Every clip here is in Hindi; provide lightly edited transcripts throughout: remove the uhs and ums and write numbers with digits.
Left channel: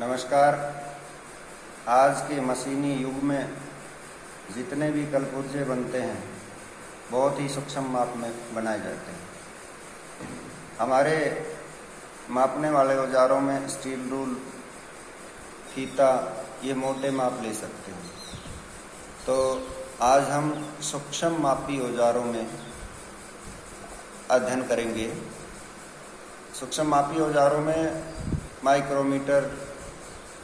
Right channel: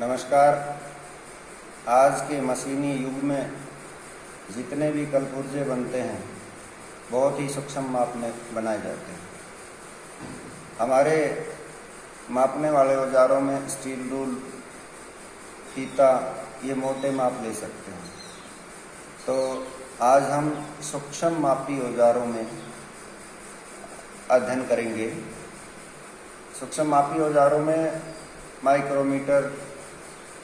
नमस्कार। आज के मशीनी युग में जितने भी कलपुर्जे बनते हैं बहुत ही सूक्ष्म माप में बनाए जाते हैं। हमारे मापने वाले औजारों में स्टील रूल, फीता, ये मोटे माप ले सकते हैं। तो आज हम सूक्ष्म मापी औजारों में अध्ययन करेंगे। सूक्ष्म मापी औजारों में micrometer,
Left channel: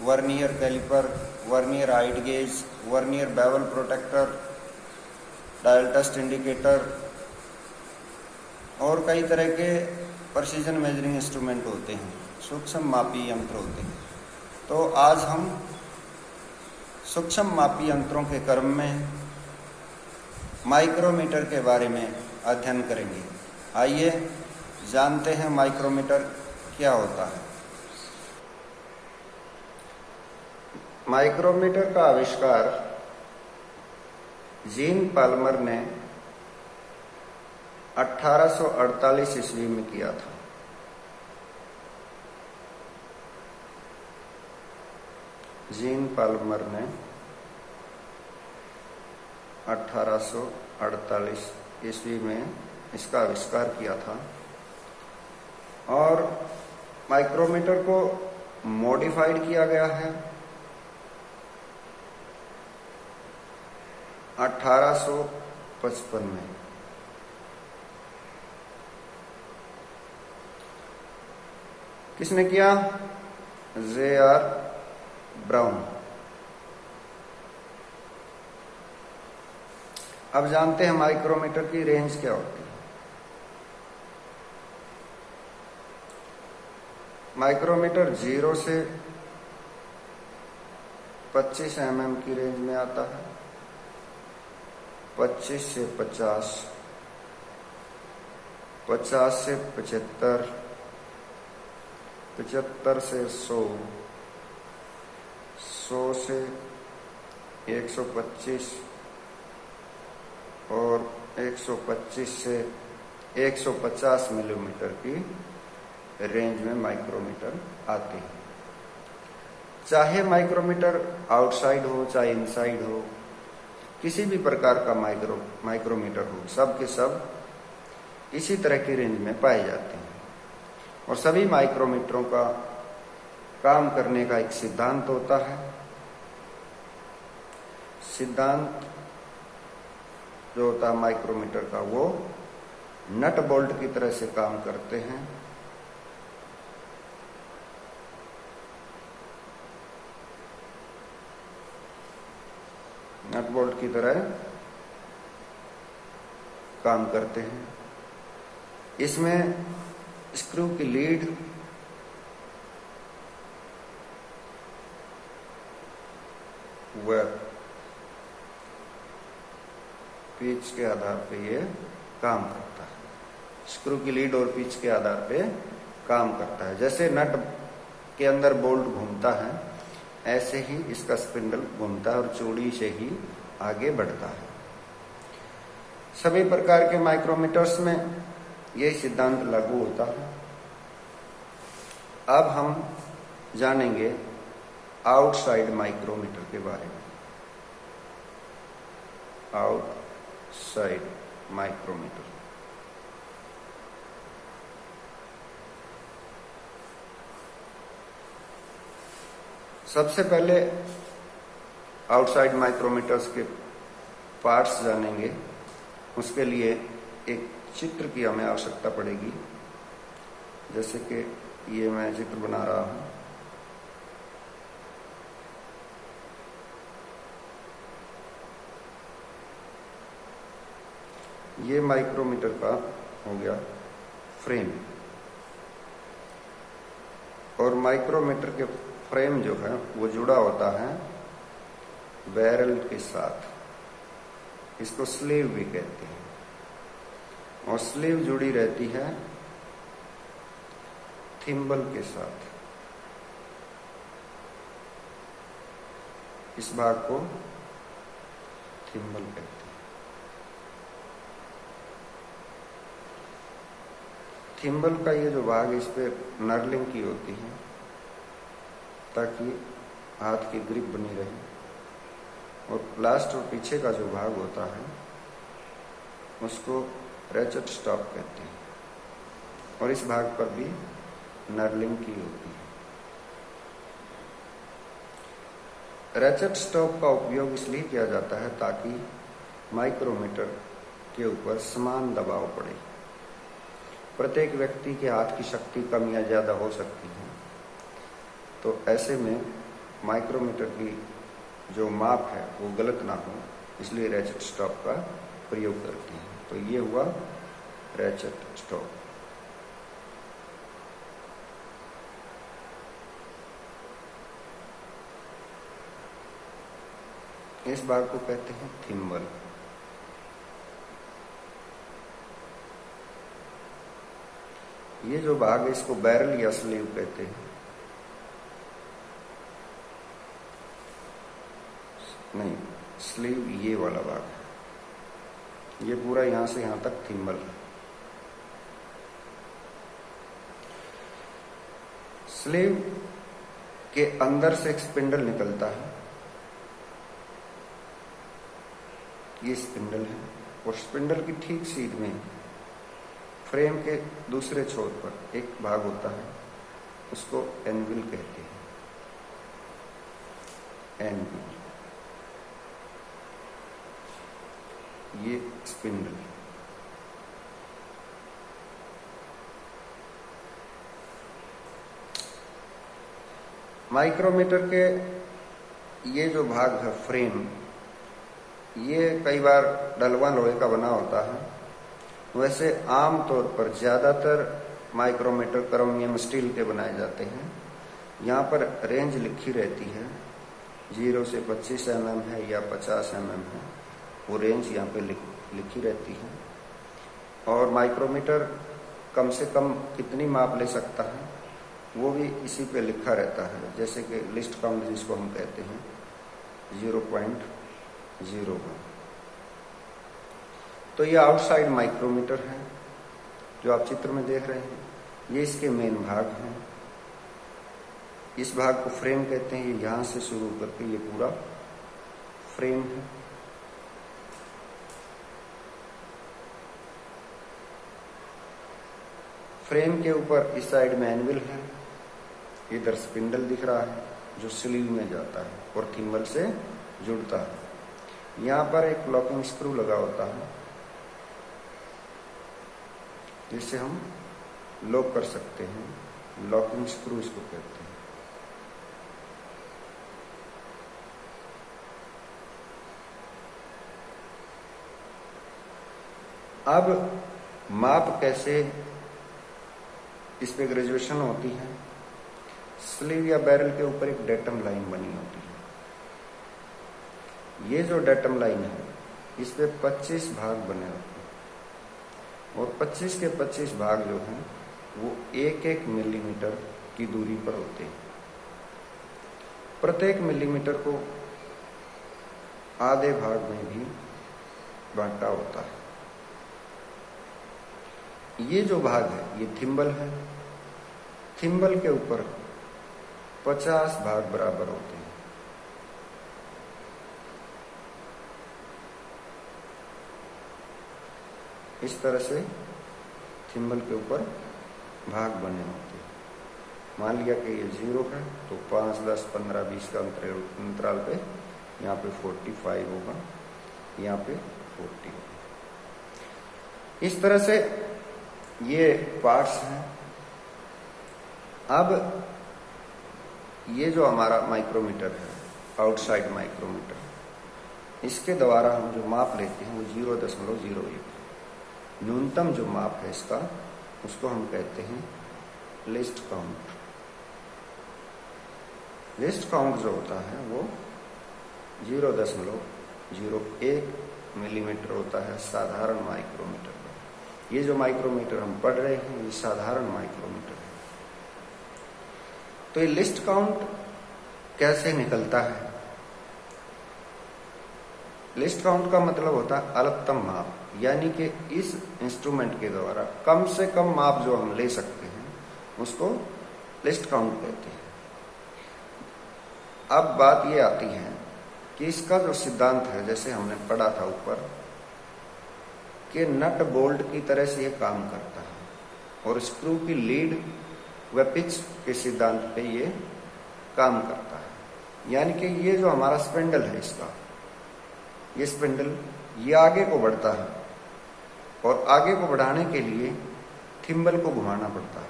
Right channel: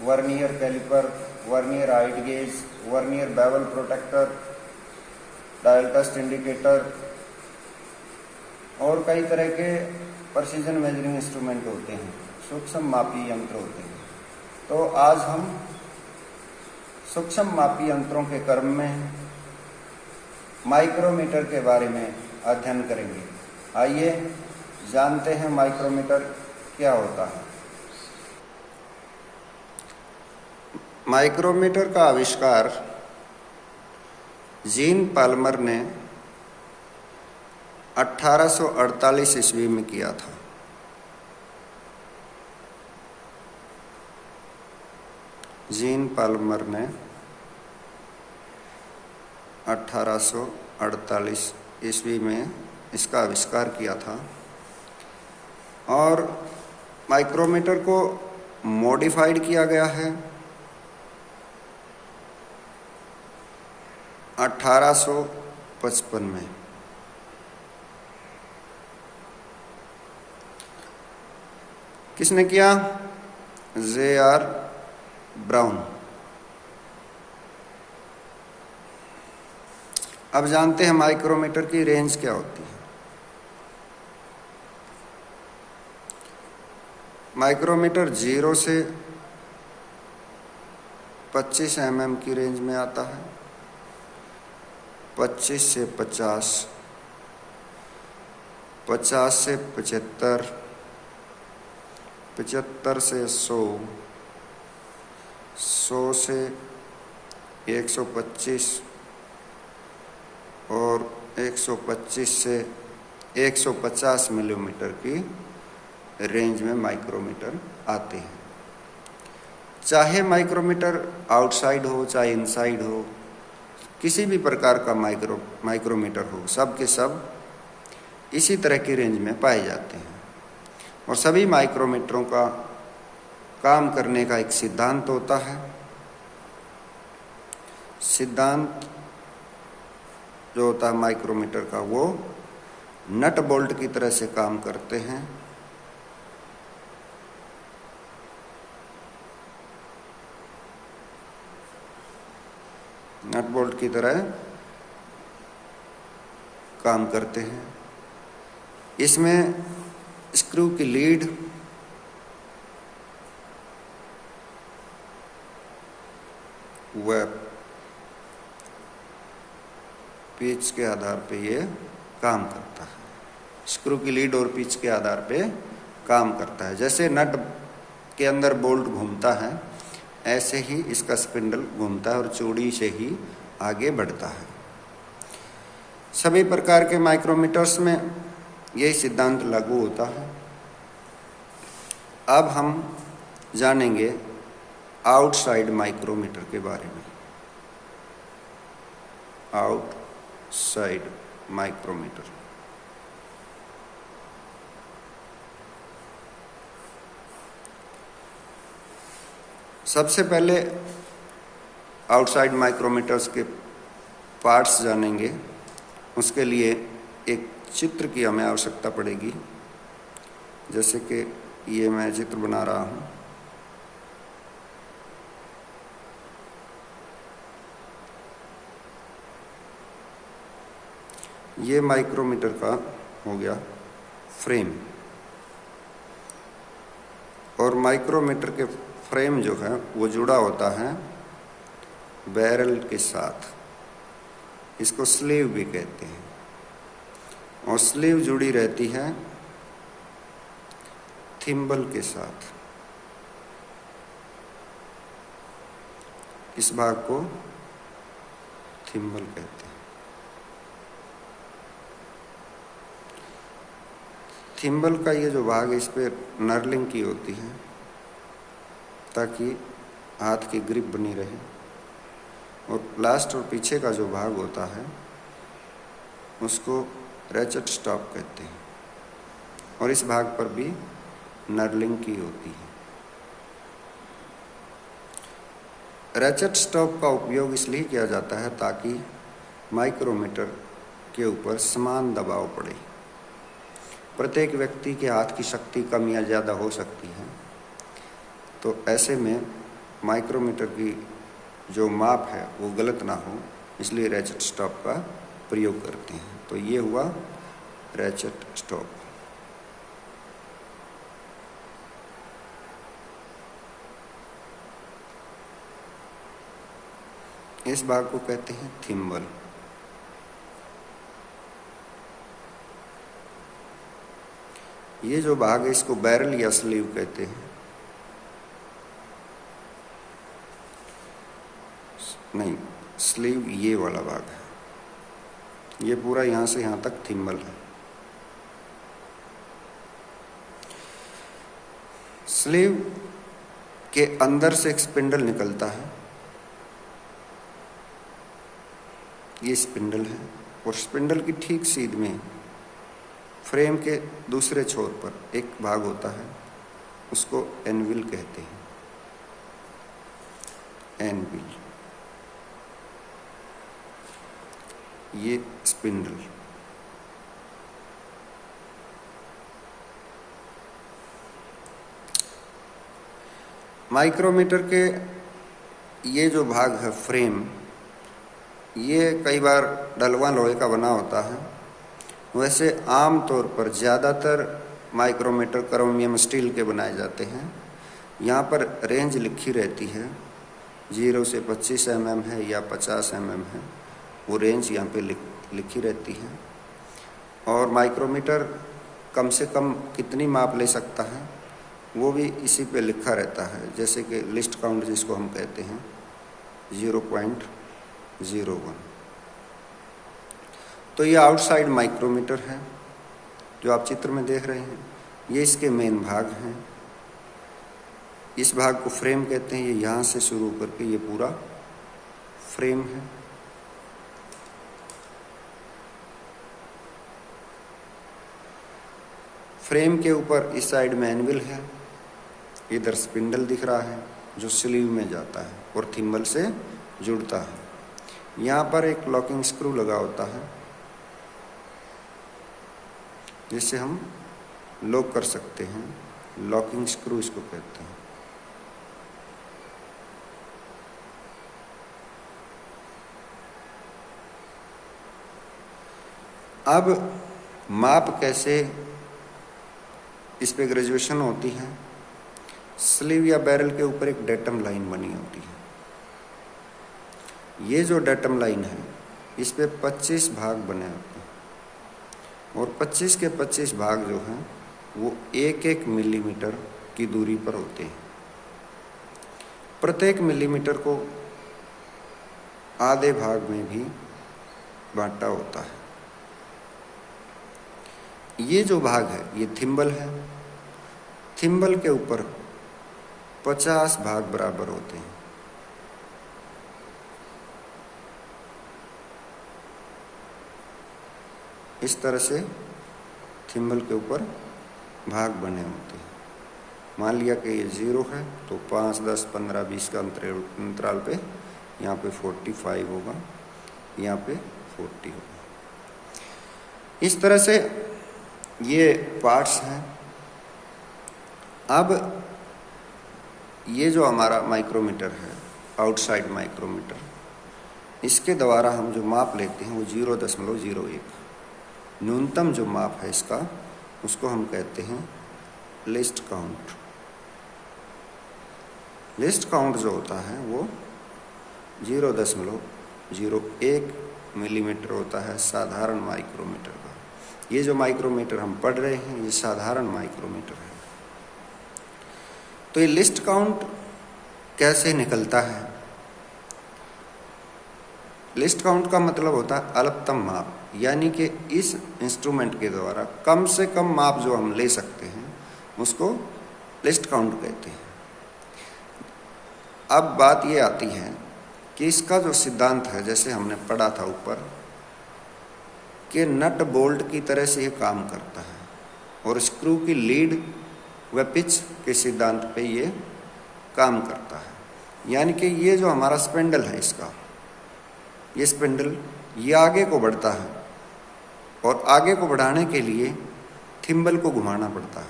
vernier caliper, vernier height gauge, vernier bevel protractor, dial test indicator और कई तरह के प्रिसीजन मेजरिंग इंस्ट्रूमेंट होते हैं, सूक्ष्म मापी यंत्र होते हैं। तो आज हम सूक्ष्म मापी यंत्रों के क्रम में माइक्रोमीटर के बारे में अध्ययन करेंगे। आइए जानते हैं माइक्रोमीटर क्या होता है। माइक्रोमीटर का आविष्कार जीन पाल्मर ने 1848 ईस्वी में किया था। जीन पाल्मर ने 1848 ईस्वी में इसका आविष्कार किया था और माइक्रोमीटर को मॉडिफाइड किया गया है 1855 में। किसने किया? J.R. ब्राउन। अब जानते हैं माइक्रोमीटर की रेंज क्या होती है। माइक्रोमीटर 0 से 25 mm की रेंज में आता है, 25 से 50, 50 से 75, 75 से 100, 100 से 125 और 125 से 150 मिलीमीटर की रेंज में माइक्रोमीटर आते हैं। चाहे माइक्रोमीटर आउटसाइड हो चाहे इनसाइड हो, किसी भी प्रकार का माइक्रोमीटर हो, सब के सब इसी तरह की रेंज में पाए जाते हैं। और सभी माइक्रोमीटरों का काम करने का एक सिद्धांत होता है। सिद्धांत जो होता है माइक्रोमीटर का, वो नट बोल्ट की तरह से काम करते हैं। नट बोल्ट की तरह काम करते हैं। इसमें स्क्रू की लीड व पिच के आधार पे ये काम करता है। स्क्रू की लीड और पिच के आधार पे काम करता है। जैसे नट के अंदर बोल्ट घूमता है, ऐसे ही इसका स्पिंडल घूमता है और चूड़ी से ही आगे बढ़ता है। सभी प्रकार के माइक्रोमीटर्स में यही सिद्धांत लागू होता है। अब हम जानेंगे आउटसाइड माइक्रोमीटर के बारे में। आउटसाइड माइक्रोमीटर सबसे पहले आउटसाइड माइक्रोमीटर्स के पार्ट्स जानेंगे। उसके लिए एक चित्र की हमें आवश्यकता पड़ेगी। जैसे कि ये मैं चित्र बना रहा हूँ। ये माइक्रोमीटर का हो गया फ्रेम और माइक्रोमीटर के फ्रेम जो है वो जुड़ा होता है बैरल के साथ। इसको स्लीव भी कहते हैं और स्लीव जुड़ी रहती है थिम्बल के साथ। इस भाग को थिम्बल कहते हैं। थिम्बल का ये जो भाग, इस पे नर्लिंग की होती है ताकि हाथ की ग्रिप बनी रहे। और लास्ट और पीछे का जो भाग होता है उसको रैचेट स्टॉप कहते हैं, और इस भाग पर भी नर्लिंग की होती है। रैचेट स्टॉप का उपयोग इसलिए किया जाता है ताकि माइक्रोमीटर के ऊपर समान दबाव पड़े। प्रत्येक व्यक्ति के हाथ की शक्ति कम या ज़्यादा हो सकती है, तो ऐसे में माइक्रोमीटर की जो माप है वो गलत ना हो, इसलिए रैचेट स्टॉप का प्रयोग करते हैं। तो ये हुआ रैचेट स्टॉप। इस भाग को कहते हैं थिम्बल। ये जो भाग है इसको बैरल या स्लीव कहते हैं। नहीं, स्लीव ये वाला भाग है, ये पूरा यहां से यहां तक थिम्बल है। स्लीव के अंदर से एक स्पिंडल निकलता है, ये स्पिंडल है, और स्पिंडल की ठीक सीध में फ्रेम के दूसरे छोर पर एक भाग होता है, उसको एनविल कहते हैं। एनविल, ये स्पिंडल। माइक्रोमीटर के ये जो भाग है फ्रेम, ये कई बार डलवा लोहे का बना होता है। वैसे आम तौर पर ज़्यादातर माइक्रोमीटर क्रोमियम स्टील के बनाए जाते हैं। यहाँ पर रेंज लिखी रहती है, 0 से 25 mm है या 50 mm है, वो रेंज यहाँ पे लिखी रहती है। और माइक्रोमीटर कम से कम कितनी माप ले सकता है वो भी इसी पे लिखा रहता है, जैसे कि लिस्ट काउंट जिसको हम कहते हैं 0.01। तो ये आउटसाइड माइक्रोमीटर है जो आप चित्र में देख रहे हैं, ये इसके मेन भाग हैं। इस भाग को फ्रेम कहते हैं। ये यहाँ से शुरू करके ये पूरा फ्रेम है। फ्रेम के ऊपर इस साइड में एनविल है, इधर स्पिंडल दिख रहा है जो स्लीव में जाता है और थिम्बल से जुड़ता है। यहाँ पर एक लॉकिंग स्क्रू लगा होता है जिससे हम लॉक कर सकते हैं, लॉकिंग स्क्रू इसको कहते हैं। अब माप कैसे, इस पे ग्रेजुएशन होती है। स्लीव या बैरल के ऊपर एक डेटम लाइन बनी होती है। ये जो डेटम लाइन है इस पे 25 भाग बने होते हैं, और 25 के 25 भाग जो हैं वो 1-1 मिलीमीटर की दूरी पर होते हैं। प्रत्येक मिलीमीटर को आधे भाग में भी बांटा होता है। ये जो भाग है ये थिम्बल है। थिम्बल के ऊपर 50 भाग बराबर होते हैं। इस तरह से थिम्बल के ऊपर भाग बने होते हैं। मान लिया कि ये 0 है तो 5, 10, 15, 20 का अंतराल पे यहाँ पे 45 होगा, यहाँ पे 40 होगा। इस तरह से ये पार्ट्स हैं। अब ये जो हमारा माइक्रोमीटर है, आउटसाइड माइक्रोमीटर, इसके द्वारा हम जो माप लेते हैं वो 0.01 न्यूनतम जो माप है इसका, उसको हम कहते हैं लिस्ट काउंट। लिस्ट काउंट जो होता है वो 0.01 मिलीमीटर होता है साधारण माइक्रोमीटर का। ये जो माइक्रोमीटर हम पढ़ रहे हैं ये साधारण माइक्रोमीटर है। तो ये लिस्ट काउंट कैसे निकलता है? लिस्ट काउंट का मतलब होता है अल्पतम माप, यानी कि इस इंस्ट्रूमेंट के द्वारा कम से कम माप जो हम ले सकते हैं उसको लिस्ट काउंट कहते हैं। अब बात ये आती है कि इसका जो सिद्धांत है, जैसे हमने पढ़ा था ऊपर, कि नट बोल्ट की तरह से ये काम करता है और स्क्रू की लीड व पिच के सिद्धांत पे ये काम करता है। यानी कि ये जो हमारा स्पिंडल है, इसका ये स्पिंडल ये आगे को बढ़ता है और आगे को बढ़ाने के लिए थिम्बल को घुमाना पड़ता है।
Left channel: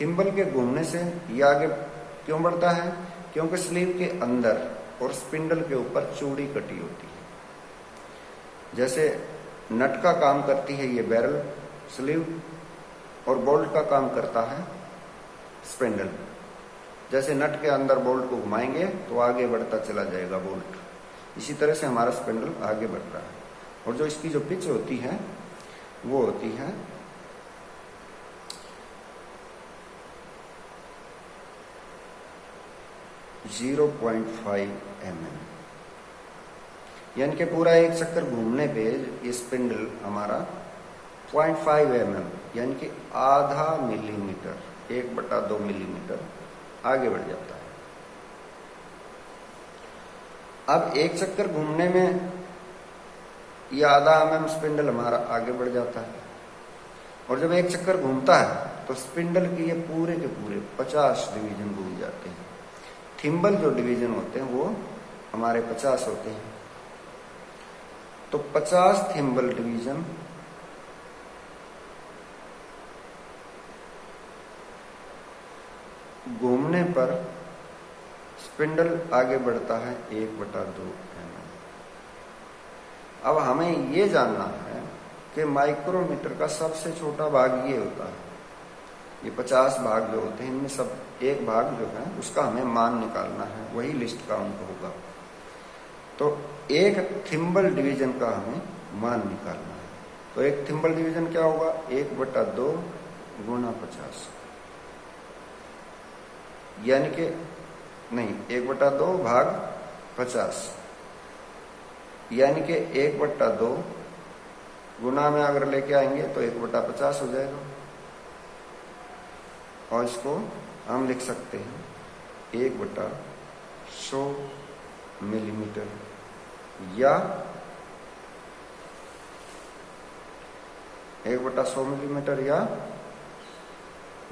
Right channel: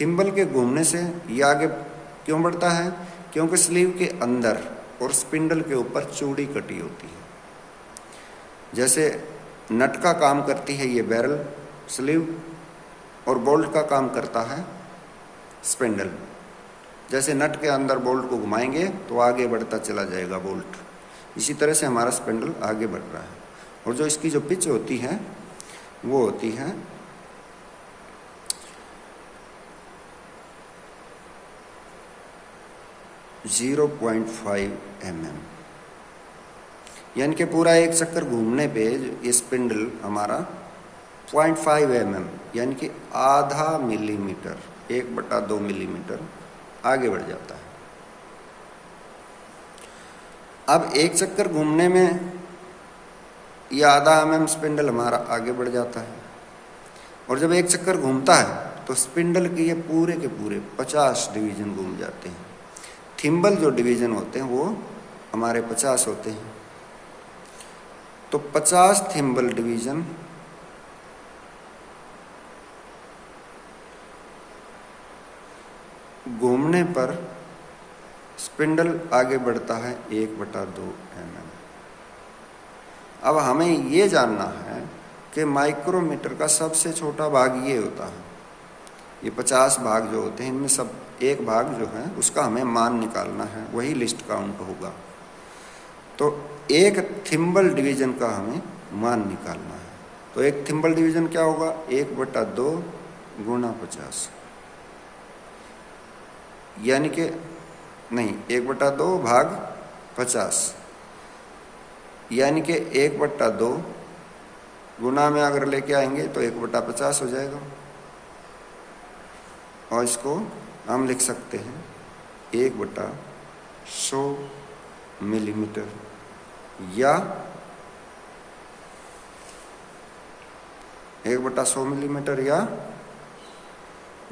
थिम्बल के घूमने से ये आगे क्यों बढ़ता है? क्योंकि स्लीव के अंदर और स्पिंडल के ऊपर चूड़ी कटी होती है। जैसे नट का काम करती है ये बैरल स्लीव और बोल्ट का काम करता है स्पिंडल। जैसे नट के अंदर बोल्ट को घुमाएंगे तो आगे बढ़ता चला जाएगा बोल्ट, इसी तरह से हमारा स्पिंडल आगे बढ़ रहा है। और जो इसकी जो पिच होती है वो होती है 0.5 mm, यानी कि पूरा एक चक्कर घूमने पे ये स्पिंडल हमारा 0.5 mm यानी कि आधा मिलीमीटर, 1/2 मिलीमीटर आगे बढ़ जाता है। अब एक चक्कर घूमने में ये आधा mm स्पिंडल हमारा आगे बढ़ जाता है और जब एक चक्कर घूमता है तो स्पिंडल के ये पूरे के पूरे 50 डिवीजन घूम जाते हैं। थिम्बल जो डिवीजन होते हैं वो हमारे 50 होते हैं, तो 50 थिम्बल डिवीजन घूमने पर स्पिंडल आगे बढ़ता है 1/2 mm। अब हमें ये जानना है कि माइक्रोमीटर का सबसे छोटा भाग ये होता है। ये 50 भाग जो होते हैं इनमें सब एक भाग जो है उसका हमें मान निकालना है, वही लिस्ट काउंट होगा। तो एक थिम्बल डिवीजन का हमें मान निकालना है। तो एक थिम्बल डिवीजन क्या होगा? 1/2 गुणा 50, यानी कि नहीं 1/2 भाग 50, यानी कि 1/2 गुना में अगर लेके आएंगे तो 1/50 हो जाएगा। और इसको हम लिख सकते हैं 1/100 मिलीमीटर या 1/100 मिलीमीटर या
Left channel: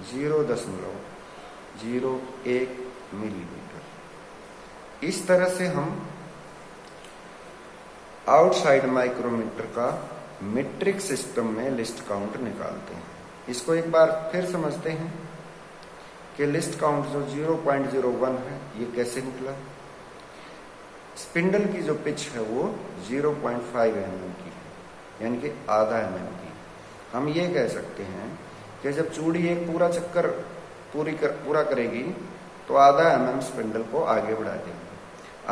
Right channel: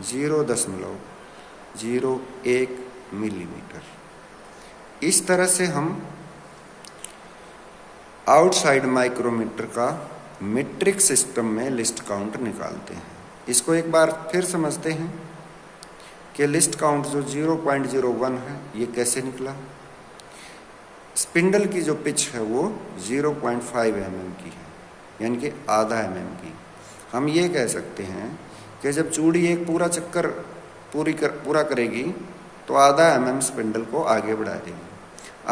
0.01 मिलीमीटर। इस तरह से हम आउटसाइड माइक्रोमीटर का मीट्रिक सिस्टम में लिस्ट काउंट निकालते हैं। इसको एक बार फिर समझते हैं कि लिस्ट काउंट जो 0.01 है ये कैसे निकला। स्पिंडल की जो पिच है वो 0.5 mm की है, यानी कि आधा mm की। हम ये कह सकते हैं कि जब चूड़ी एक पूरा चक्कर पूरा करेगी तो आधा mm स्पिंडल को आगे बढ़ा देगी।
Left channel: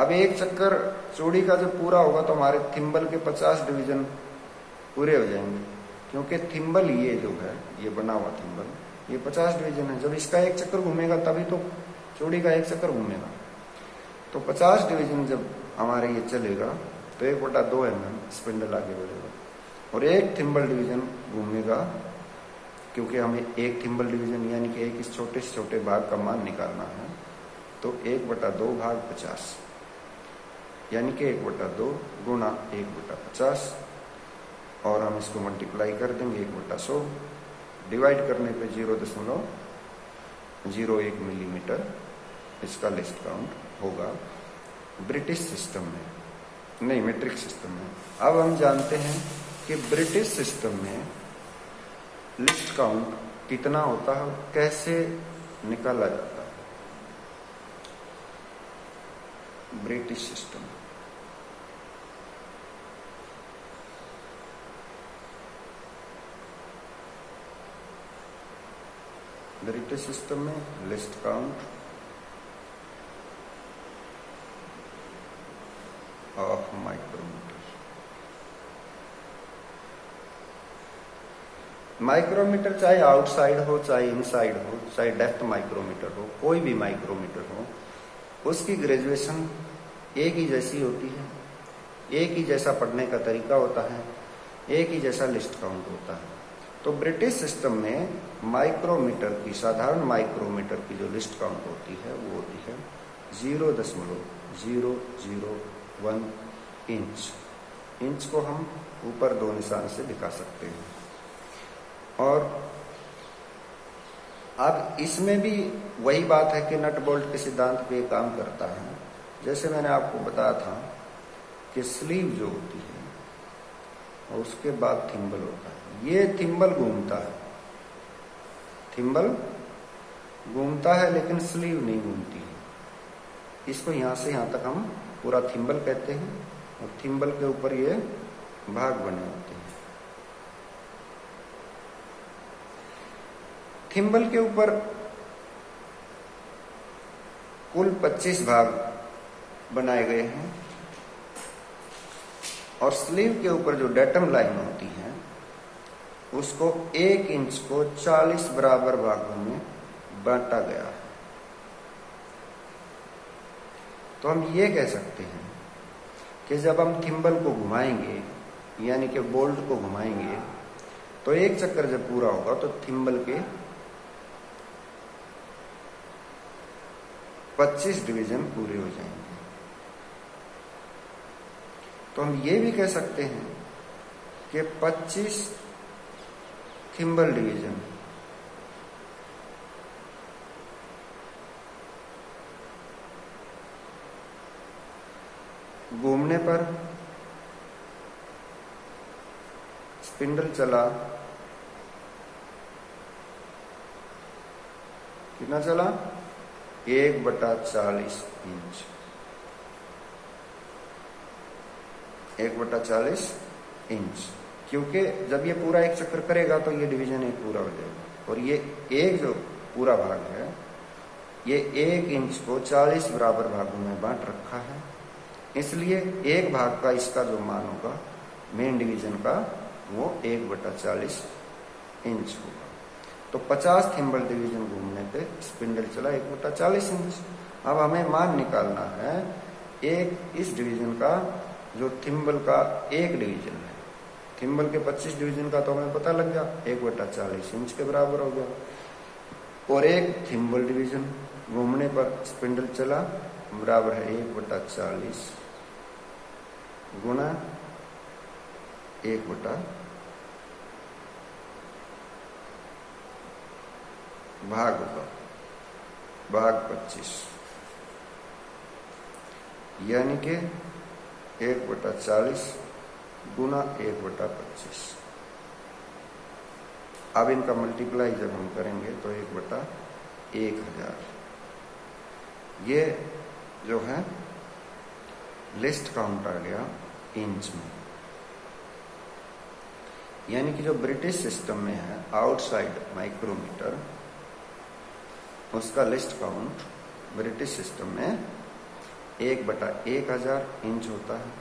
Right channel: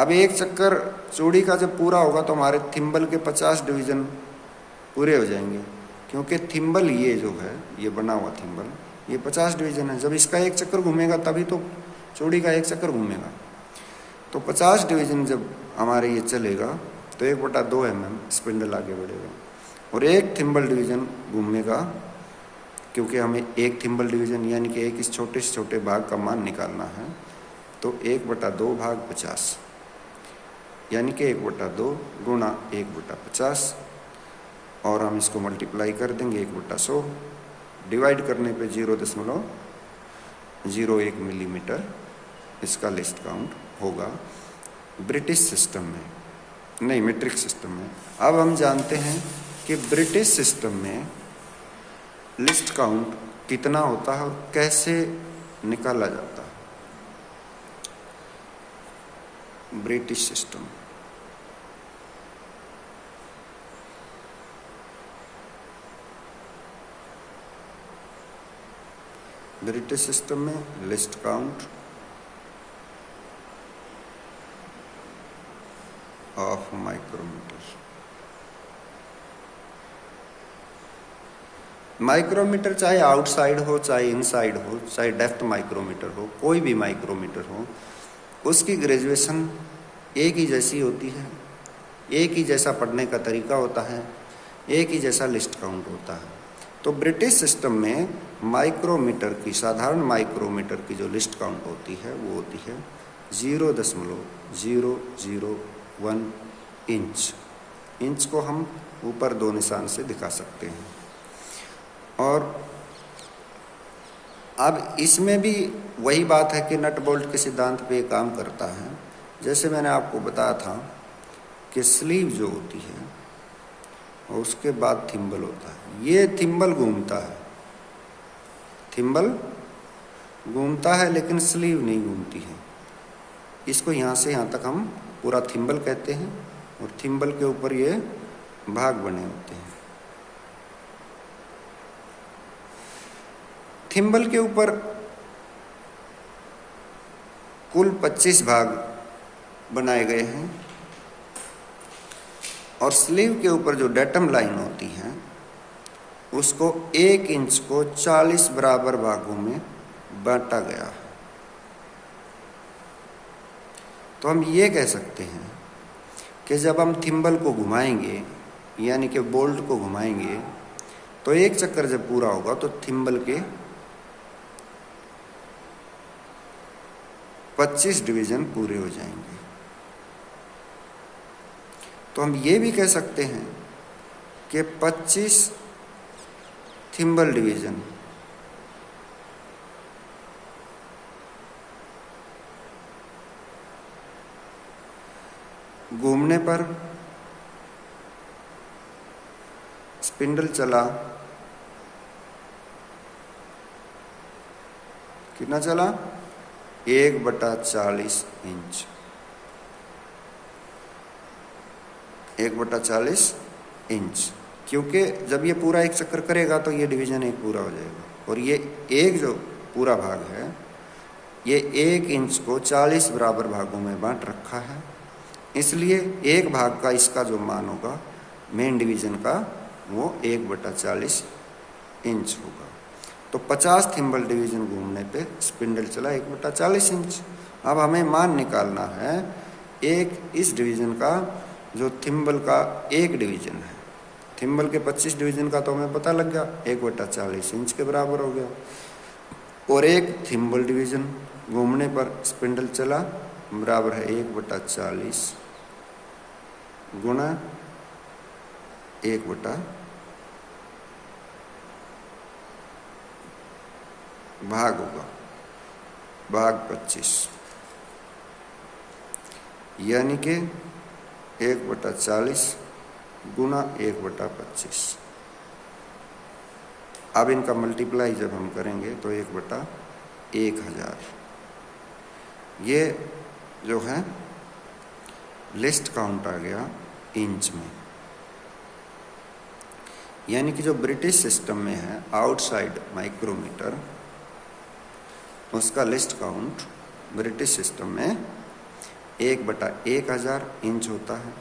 अब एक चक्कर चूड़ी का जब पूरा होगा तो हमारे थिम्बल के 50 डिवीजन पूरे हो जाएंगे, क्योंकि थिम्बल ये जो है ये बना हुआ थिम्बल ये 50 डिवीजन है। जब इसका एक चक्कर घूमेगा तभी तो चूड़ी का एक चक्कर घूमेगा। तो 50 डिवीजन जब हमारे ये चलेगा तो 1/2 mm स्पिंडल आगे बढ़ेगा और एक थिम्बल डिवीजन घूमेगा, क्योंकि हमें एक थिम्बल डिवीजन यानी कि एक इस छोटे से छोटे भाग का मान निकालना है। तो 1/2 भाग 50 यानी कि 1/2 गुणा 1/50 और हम इसको मल्टीप्लाई कर देंगे 1/100, डिवाइड करने पे 0.01 मिलीमीटर इसका लिस्ट काउंट होगा ब्रिटिश सिस्टम में, नहीं मीट्रिक सिस्टम में। अब हम जानते हैं कि ब्रिटिश सिस्टम में लिस्ट काउंट कितना होता है और कैसे निकाला जाता है। ब्रिटिश सिस्टम में least count of micrometer. Micrometer चाहे आउटसाइड हो, चाहे इनसाइड हो, चाहे डेप्थ माइक्रोमीटर हो, कोई भी माइक्रोमीटर हो, उसकी ग्रेजुएशन एक ही जैसी होती है, एक ही जैसा पढ़ने का तरीका होता है, एक ही जैसा लिस्ट काउंट होता है। तो ब्रिटिश सिस्टम में माइक्रोमीटर की, साधारण माइक्रोमीटर की जो लिस्ट काउंट होती है वो होती है 0.001 इंच। इंच को हम ऊपर 2 निशान से दिखा सकते हैं। और अब इसमें भी वही बात है कि नट बोल्ट के सिद्धांत पे काम करता है। जैसे मैंने आपको बताया था कि स्लीव जो होती है और उसके बाद थिम्बल होता है। ये थिम्बल घूमता है, थिम्बल घूमता है लेकिन स्लीव नहीं घूमती है। इसको यहाँ से यहाँ तक हम पूरा थिम्बल कहते हैं और थिम्बल के ऊपर ये भाग बने होते हैं। थिम्बल के ऊपर कुल 25 भाग बनाए गए हैं और स्लीव के ऊपर जो डेटम लाइन होती है उसको 1 इंच को 40 बराबर भागों में बांटा गया है। तो हम ये कह सकते हैं कि जब हम थिम्बल को घुमाएंगे यानी कि बोल्ट को घुमाएंगे तो एक चक्कर जब पूरा होगा तो थिम्बल के 25 डिवीजन पूरे हो जाएंगे। तो हम ये भी कह सकते हैं कि 25 थिम्बल डिवीजन घूमने पर स्पिंडल चला, कितना चला? 1/40 इंच। 1/40 इंच, क्योंकि जब ये पूरा एक चक्कर करेगा तो ये डिवीजन एक पूरा हो जाएगा। और ये एक जो पूरा भाग है ये 1 इंच को 40 बराबर भागों में बांट रखा है, इसलिए एक भाग का इसका जो मान होगा मेन डिवीजन का वो 1/40 इंच होगा। तो 50 थिम्बल डिवीजन घूमने पे स्पिंडल चला 1/40 इंच। अब हमें मान निकालना है एक इस डिवीजन का जो थिम्बल का एक डिवीजन है। थिम्बल के 25 डिवीजन का तो हमें पता लग गया, 1/40 इंच के बराबर हो गया। और एक थिम्बल डिवीजन घूमने पर स्पिंडल चला बराबर है 1/40 गुणा 1 भाग होगा भाग 25, यानी कि 1/40 गुणा 1/25। अब इनका मल्टीप्लाई जब हम करेंगे तो 1/1000 ये जो है लिस्ट काउंट आ गया इंच में। यानी कि जो ब्रिटिश सिस्टम में है आउटसाइड माइक्रोमीटर, उसका लिस्ट काउंट ब्रिटिश सिस्टम में 1/1000 इंच होता है।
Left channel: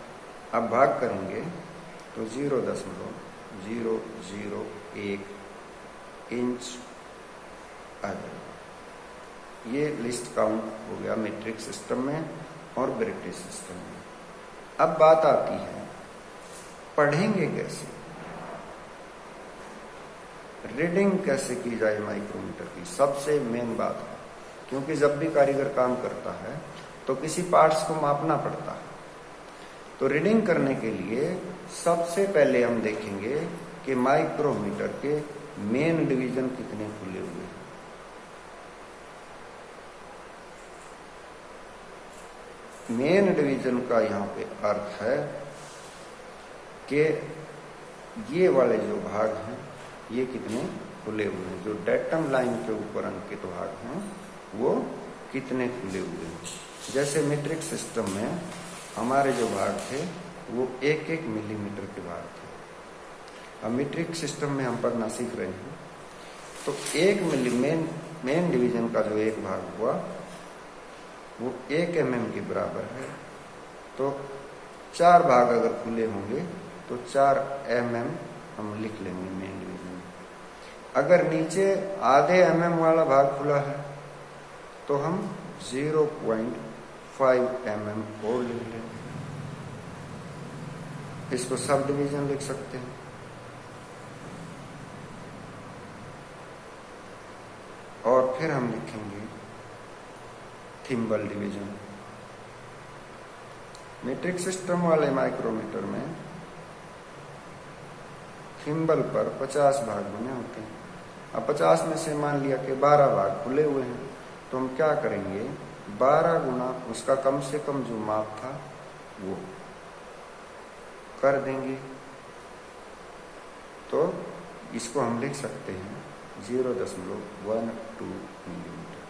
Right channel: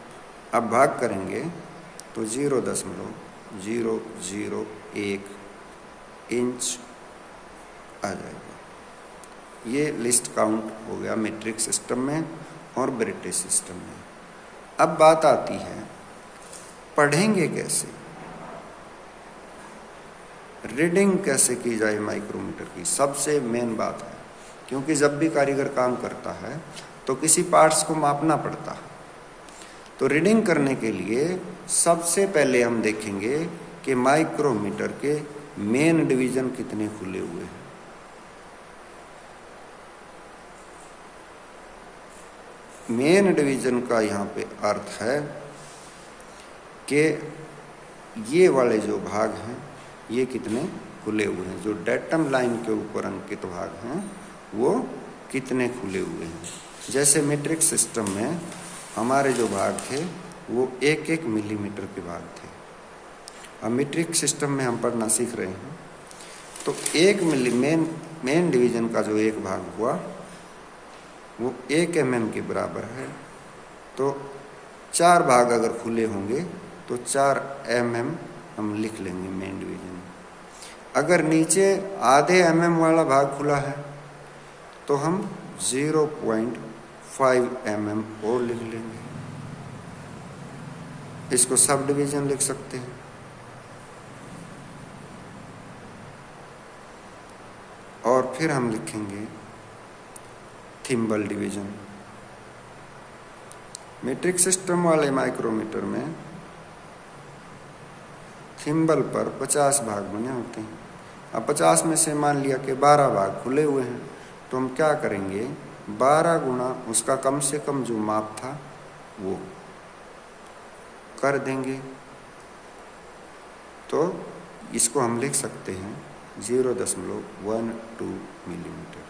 अब भाग करेंगे तो 0.001 इंच आ जाएगा। ये लिस्ट काउंट हो गया मीट्रिक सिस्टम में और ब्रिटिश सिस्टम में। अब बात आती है पढ़ेंगे कैसे, रीडिंग कैसे की जाए माइक्रोमीटर की, सबसे मेन बात है। क्योंकि जब भी कारीगर काम करता है तो किसी पार्ट्स को मापना पड़ता है। तो रीडिंग करने के लिए सबसे पहले हम देखेंगे कि माइक्रोमीटर के मेन डिवीजन कितने खुले हुए हैं। मेन डिवीजन का यहाँ पे अर्थ है कि ये वाले जो भाग हैं ये कितने खुले हुए हैं, जो डेटम लाइन के ऊपर अंकित भाग हैं वो कितने खुले हुए हैं। जैसे मीट्रिक सिस्टम में हमारे जो भाग थे वो 1-1 मिलीमीटर के भाग थे। अब मीट्रिक सिस्टम में हम पढ़ना सीख रहे हैं तो 1 मिली मेन डिवीजन का जो एक भाग हुआ वो 1 mm के बराबर है। तो 4 भाग अगर खुले होंगे तो 4 mm हम लिख लेंगे मेन डिवीजन। अगर नीचे आधे mm वाला भाग खुला है तो हम 0.5 mm और लिख लेंगे। इसको सब डिवीजन लिख सकते हैं। और फिर हम लिखेंगे थिम्बल डिवीजन। मीट्रिक सिस्टम वाले माइक्रोमीटर में थिम्बल पर 50 भाग बने होते हैं। अब 50 में से मान लिया कि 12 भाग खुले हुए हैं, तो हम क्या करेंगे, 12 गुना उसका कम से कम जो माप था वो कर देंगे। तो इसको हम लिख सकते हैं 0.12 मिलीमीटर।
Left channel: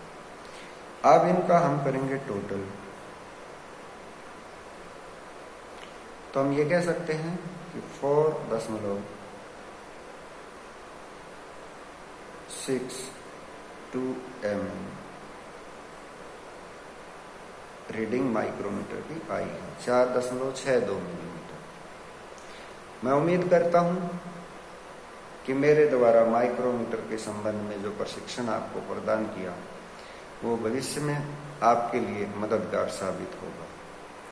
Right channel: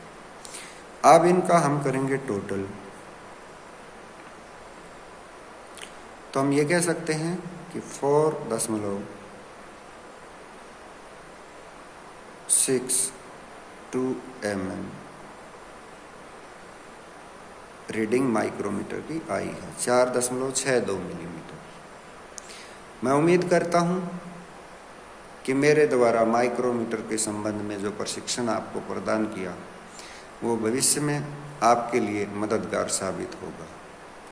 अब इनका हम करेंगे टोटल, तो हम ये कह सकते हैं कि 4.62 mm रीडिंग माइक्रोमीटर की आई है, 4.62 मिलीमीटर। मैं उम्मीद करता हूं कि मेरे द्वारा माइक्रोमीटर के संबंध में जो प्रशिक्षण आपको प्रदान किया वो भविष्य में आपके लिए मददगार साबित होगा।